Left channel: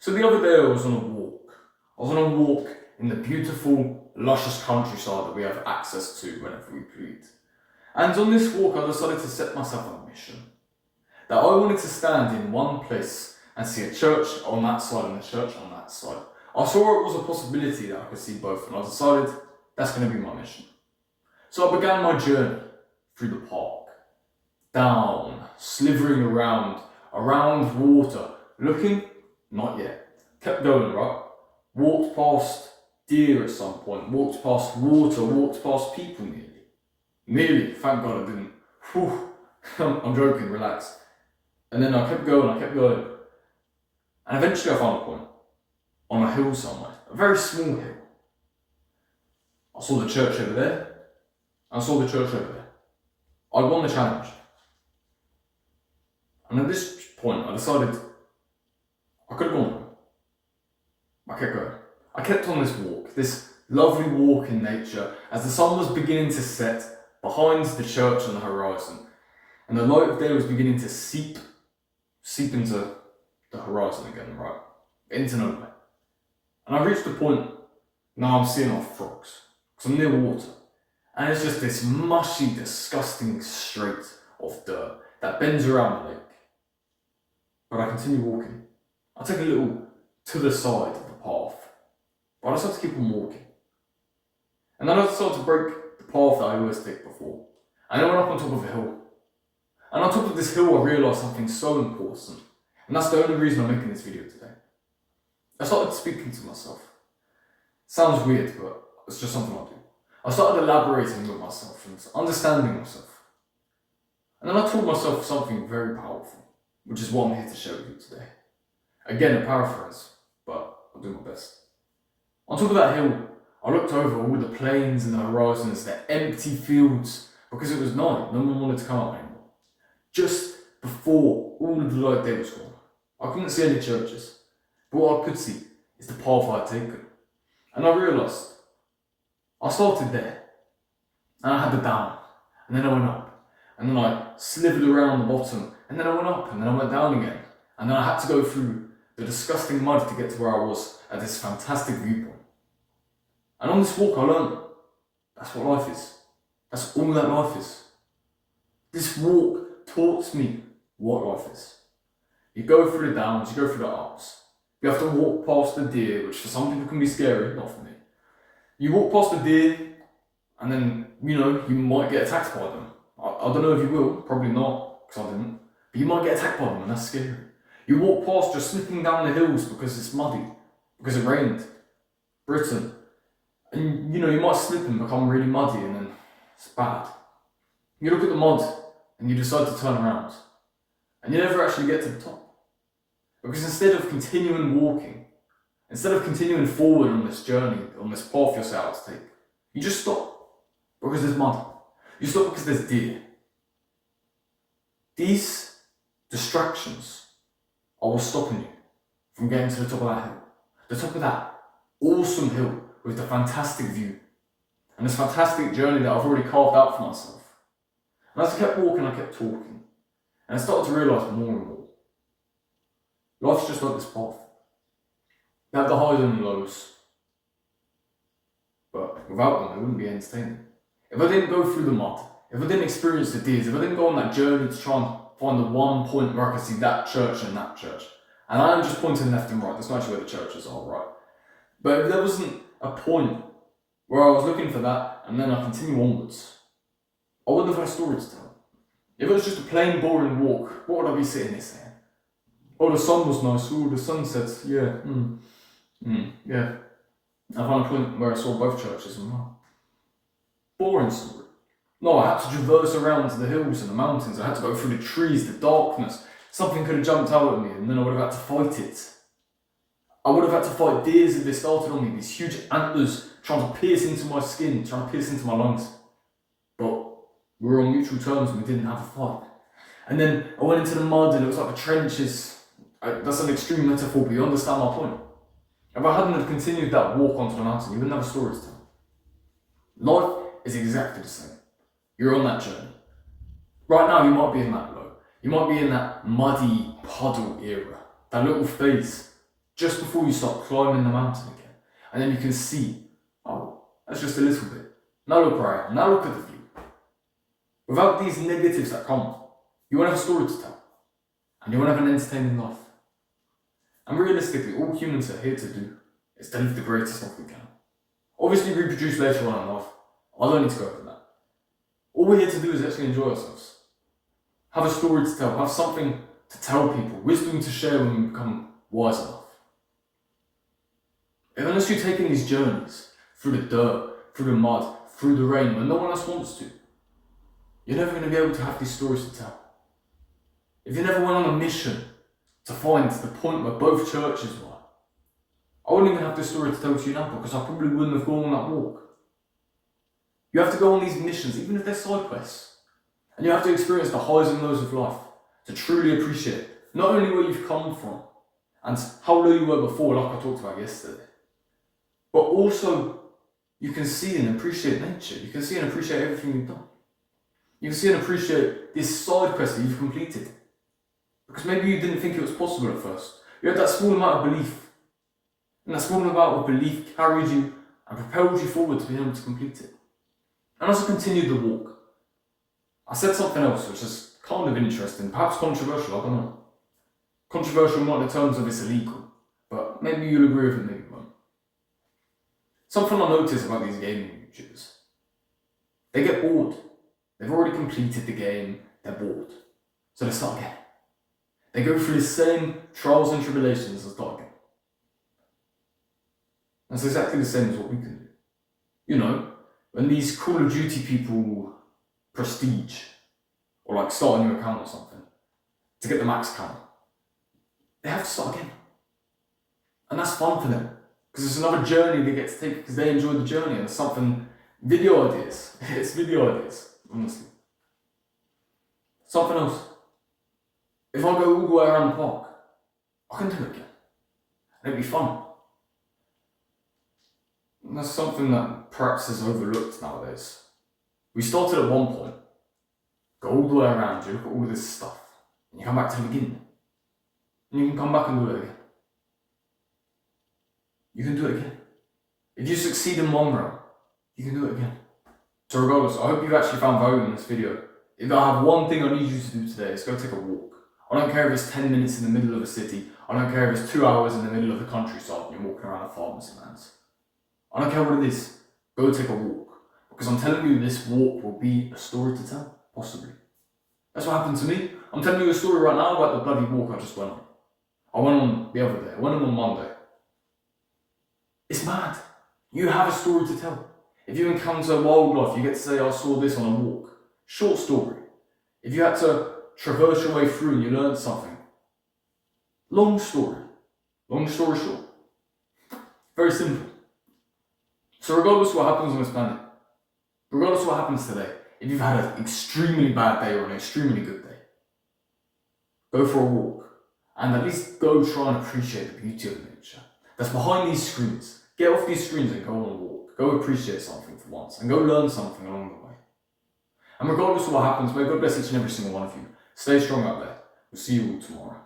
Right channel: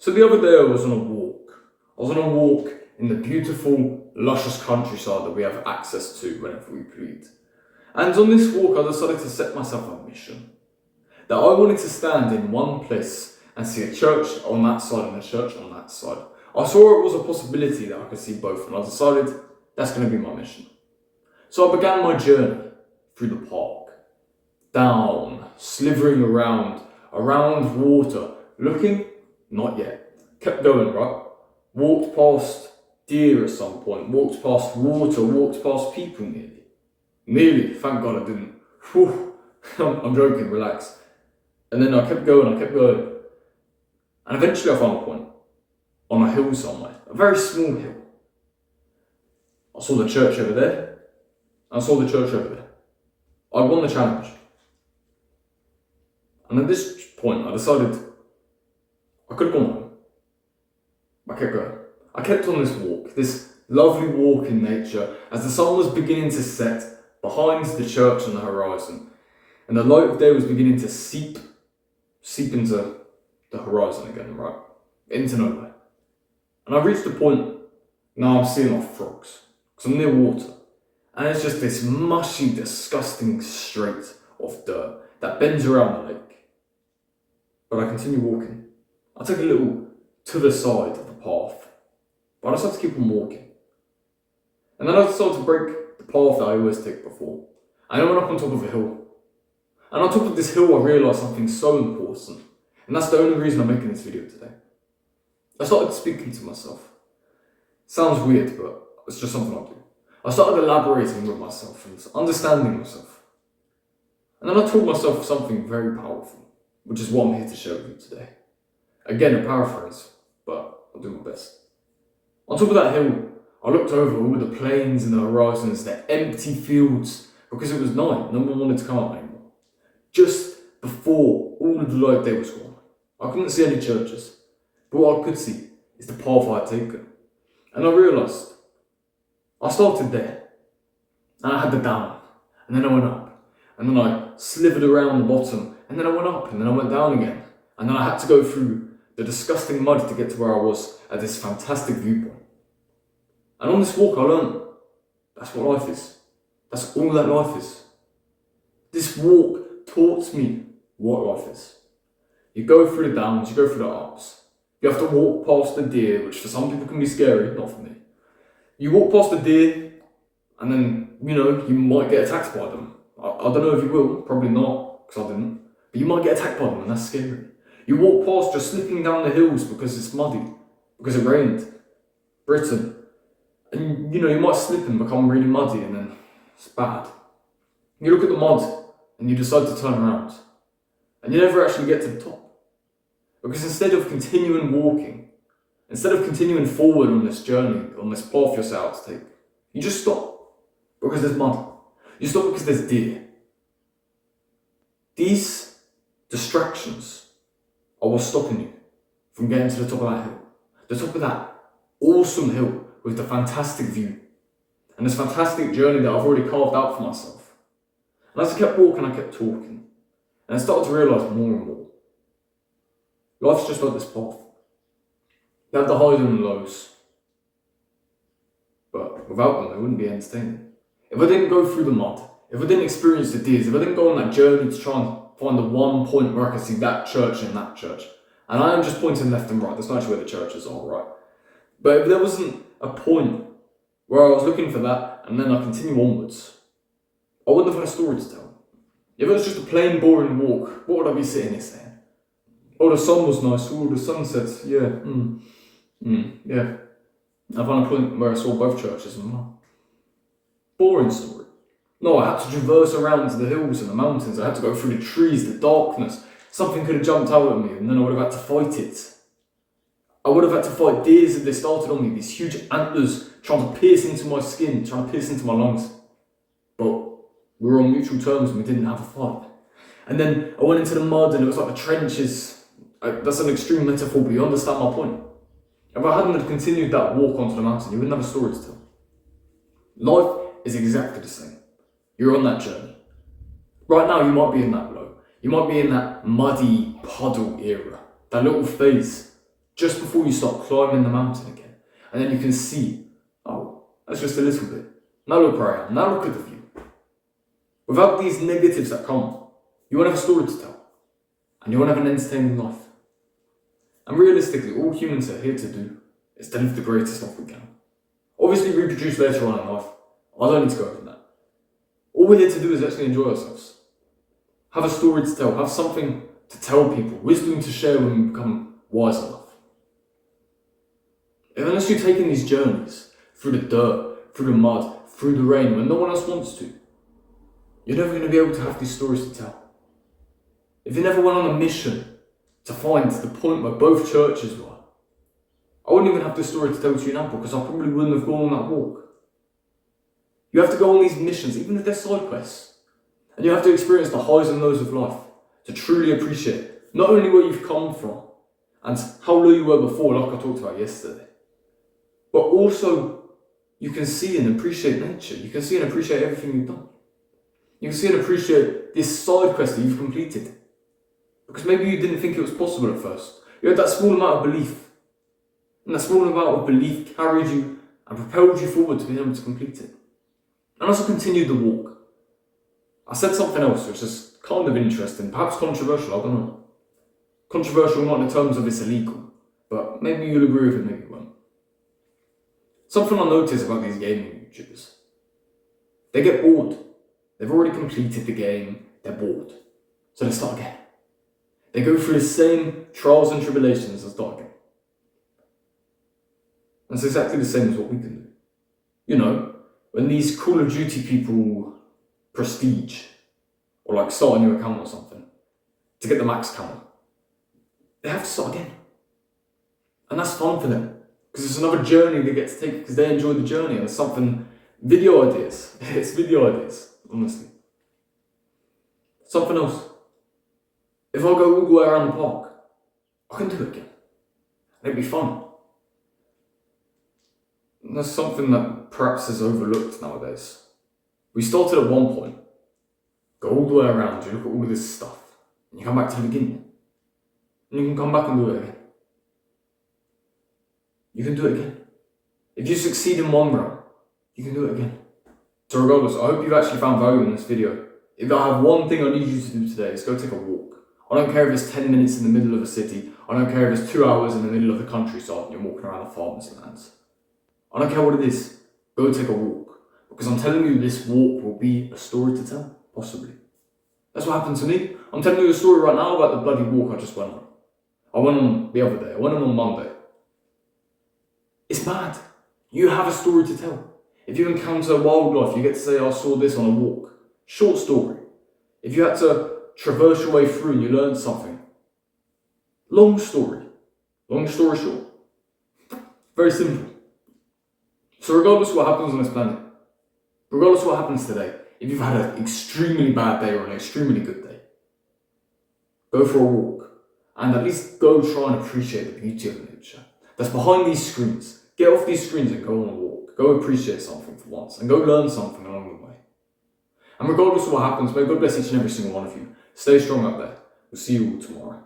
So the other day I was on a walk. I was on a walk in the beautiful, luscious countryside that we have access to whenever we please. And on this walk I decided to set myself a mission. That I wanted to stand in one place and see a church on that side and a church on that side. I saw it was a possibility that I could see both, and I decided that's going to be my mission. So I began my journey through the park, down, slithering around water, looking, not yet. Kept going, right? Walked past deer at some point, walked past water, walked past people nearly. Nearly, thank God I didn't. Whew. I'm joking, relax. And then I kept going. And eventually I found a point, on a hill somewhere, a very small hill. I saw the church over there, and I saw the church over there. I won the challenge. And at this point I decided I could have gone home. I kept going. I kept on this walk, this lovely walk in nature, as the sun was beginning to set behind the church on the horizon, and the light of day was beginning to seep into the horizon again, right? Into nowhere. And I reached the point, now I'm seeing off frogs, because I'm near water. And it's just this mushy, disgusting strait of dirt that bends around the lake. But I continue walking. I take a little to the side of the path, but I just have to keep on walking. And then I decided to break the path that I always take before. And I went up on top of a hill. And on top of this hill I realised something so important. And that's the only reason I'm making this video today. I started speaking to myself. Sounds weird, but it's just something I do. I started elaborating with myself and understanding myself. And then I taught myself something very powerful, which is what I'm here to show you today. Again, a paraphrase, but I'll do my best. On top of that hill, I looked over all the plains and the horizons, the empty fields, because it was night, no one wanted to come out anymore. Just before all of the light day was gone. I couldn't see any churches, but what I could see is the path I had taken. And I realised, I started there, and I had the down, and then I went up, and then I slithered around the bottom, and then I went up, and then I went down again, and then I had to go through the disgusting mud to get to where I was at this fantastic viewpoint. And on this walk I learned, that's what life is. That's all that life is. This walk taught me what life is. You go through the downs, you go through the ups. You have to walk past the deer, which for some people can be scary, not for me. You walk past the deer, and then, you might get attacked by them. I don't know if you will, probably not, because I didn't. But you might get attacked by them, and that's scary. You walk past just slipping down the hills because it's muddy, because it rained. Britain. And, you might slip and become really muddy, and then it's bad. You look at the mud, and you decide to turn around. And you never actually get to the top. Because instead of continuing walking, instead of continuing forward on this journey, on this path you're set out to take, you just stop. Because there's mud. You stop because there's deer. These distractions are what's stopping you from getting to the top of that hill. The top of that awesome hill with the fantastic view. And this fantastic journey that I've already carved out for myself. And as I kept walking, I kept talking. And I started to realise more and more. Life's just like this path. You have the highs and the lows. But without them, it wouldn't be entertaining. If I didn't go through the mud, if I didn't experience the deers, if I didn't go on that journey to try and find the one point where I could see that church and that church, and I am just pointing left and right, that's not actually where the churches are, right? But if there wasn't a point where I was looking for that, and then I continue onwards, I wouldn't have had a story to tell. If it was just a plain, boring walk, what would I be sitting here saying? Oh, the sun was nice. Oh, the sunsets. Yeah. Yeah. I found a point where I saw both churches and wow. Boring story. No, I had to traverse around to the hills and the mountains. I had to go through the trees, the darkness. Something could have jumped out at me and then I would have had to fight it. I would have had to fight deers if they started on me, these huge antlers trying to pierce into my skin, trying to pierce into my lungs. But we were on mutual terms and we didn't have a fight. And then I went into the mud and it was like the trenches. That's an extreme metaphor, but you understand my point. If I hadn't have continued that walk onto the mountain, you wouldn't have a story to tell. Life is exactly the same. You're on that journey. Right now, you might be in that low. You might be in that muddy puddle era, that little phase just before you start climbing the mountain again. And then you can see, oh, that's just a little bit. Now look where I am. Now look at the view. Without these negatives that come, you won't have a story to tell. And you won't have an entertaining life. And realistically, all humans are here to do is to live the greatest life we can. Obviously reproduce later on in life. I don't need to go over that. All we're here to do is actually enjoy ourselves. Have a story to tell. Have something to tell people. Wisdom to share when we become wise enough. And unless you're taking these journeys through the dirt, through the mud, through the rain, when no one else wants to, you're never going to be able to have these stories to tell. If you never went on a mission to find the point where both churches were, I wouldn't even have this story to tell to you now because I probably wouldn't have gone on that walk. You have to go on these missions, even if they're side quests. And you have to experience the highs and lows of life to truly appreciate not only where you've come from and how low you were before, like I talked about yesterday, but also you can see and appreciate nature. You can see and appreciate everything you've done. You can see and appreciate this side quest that you've completed. Because maybe you didn't think it was possible at first. You had that small amount of belief. And that small amount of belief carried you and propelled you forward to be able to complete it. And as I continued the walk, I said something else which is kind of interesting, perhaps controversial, I don't know. Controversial not in terms of it's illegal, but maybe you'll agree with it, maybe you won't. Something I notice about these gaming YouTubers. They get bored. They've already completed the game, they're bored. So they start again. They go through the same trials and tribulations and start again. That's exactly the same as what we can do. You know, when these Call of Duty people prestige, or like start a new account or something, to get the max count, they have to start again. And that's fun for them, because it's another journey they get to take, because they enjoy the journey, and it's something, video ideas, it's video ideas, honestly. Something else. If I go all the way around the park, I can do it again. And it'd be fun. And that's something that perhaps is overlooked nowadays. We started at one point, go all the way around, you look at all of this stuff, and you come back to the beginning. And you can come back and do it again. You can do it again. If you succeed in one round, you can do it again. So regardless, I hope you've actually found value in this video. If I have one thing I need you to do today, it's go take a walk. I don't care if it's 10 minutes in the middle of a city. I don't care if it's 2 hours in the middle of the countryside and you're walking around a farmer's lands. I don't care what it is. Go take a walk. Because I'm telling you, this walk will be a story to tell, possibly. That's what happened to me. I'm telling you a story right now about the bloody walk I just went on. I went on the other day. I went on Monday. It's mad. You have a story to tell. If you encounter wildlife, you get to say, I saw this on a walk. Short story. If you had to traverse your way through and you learned something. Long story. Long story short. Very simple. So regardless of what happens on this planet, regardless of what happens today, if you've had an extremely bad day or an extremely good day, go for a walk and at least go try and appreciate the beauty of nature that's behind these screens. Get off these screens and go on a walk. Go appreciate something for once and go learn something along the way. And regardless of what happens, may God bless each and every single one of you. Stay strong out there. We'll see you all tomorrow.